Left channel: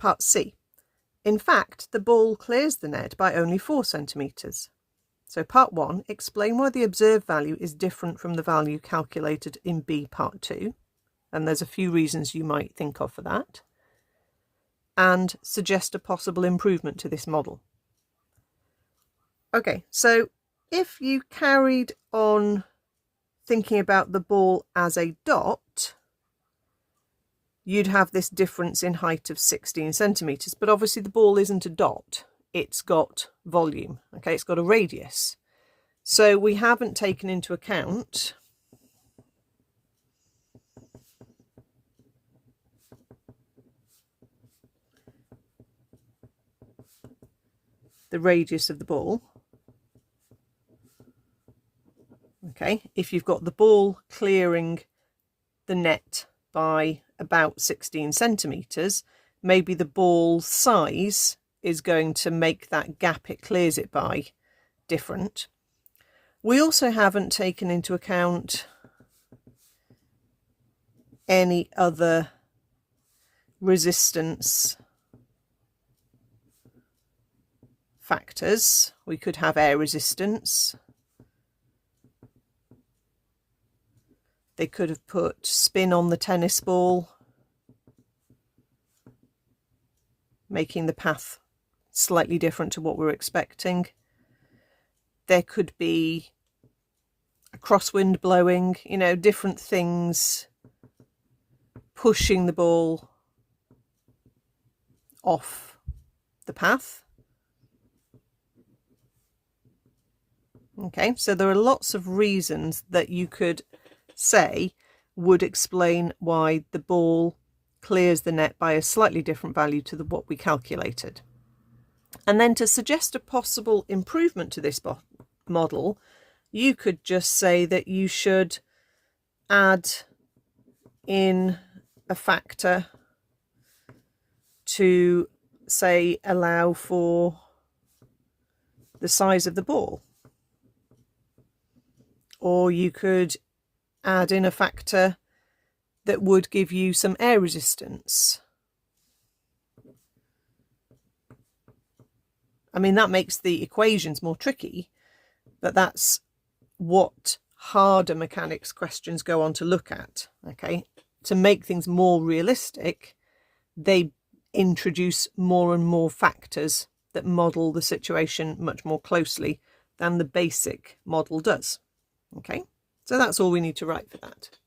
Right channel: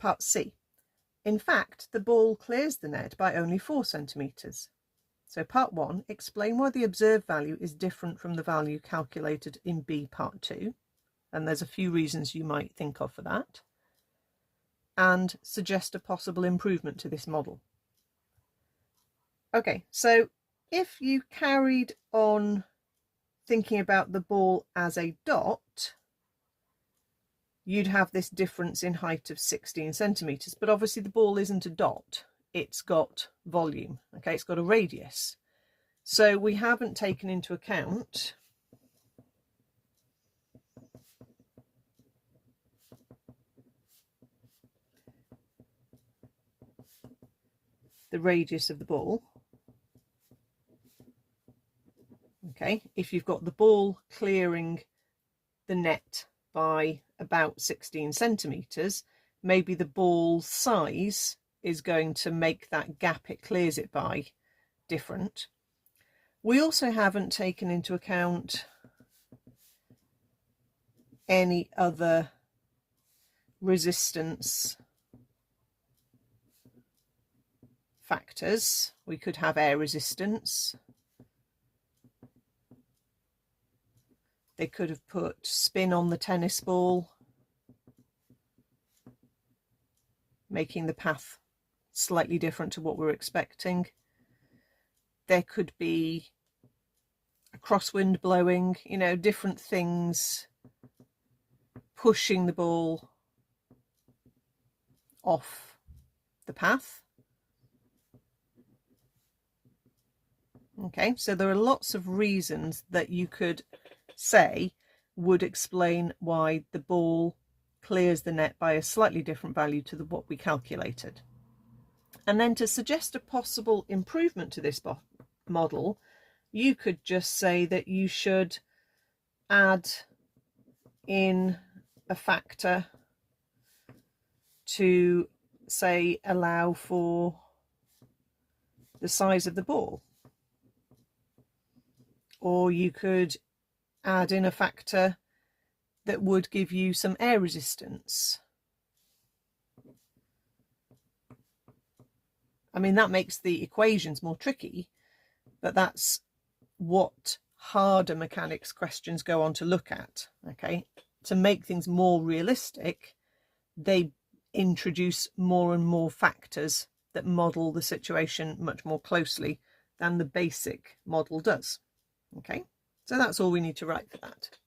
part C. In fact, the ball clears the net by only 4 centimetres. So part 1, explain why the observed value is different from the value calculated in B part 2. And there's a few reasons you might think of for that. And suggest a possible improvement to this model. Okay, so if you carried on thinking about the ball as a dot, you'd have this difference in height of 16 centimetres. But obviously the ball isn't a dot, it's got volume, okay, it's got a radius. So we haven't taken into account the radius of the ball. Okay, if you've got the ball clearing the net by about 16 centimetres, maybe the ball size is going to make that gap it clears it by different. We also haven't taken into account any other resistance factors. We could have air resistance. They could have put spin on the tennis ball, making the path slightly different to what we're expecting. There could be a crosswind blowing, you know, different things pushing the ball off the path. Okay, so there are lots of reasons that you could say would explain why the ball clears the net by a slightly different value to what we calculated. And then to suggest a possible improvement to this model, you could just say that you should add in a factor to, say, allow for the size of the ball. Or you could add in a factor that would give you some air resistance. I mean, that makes the equations more tricky, but that's what harder mechanics questions go on to look at. Okay, to make things more realistic, they introduce more and more factors that model the situation much more closely than the basic model does. Okay, so that's all we need to write for that.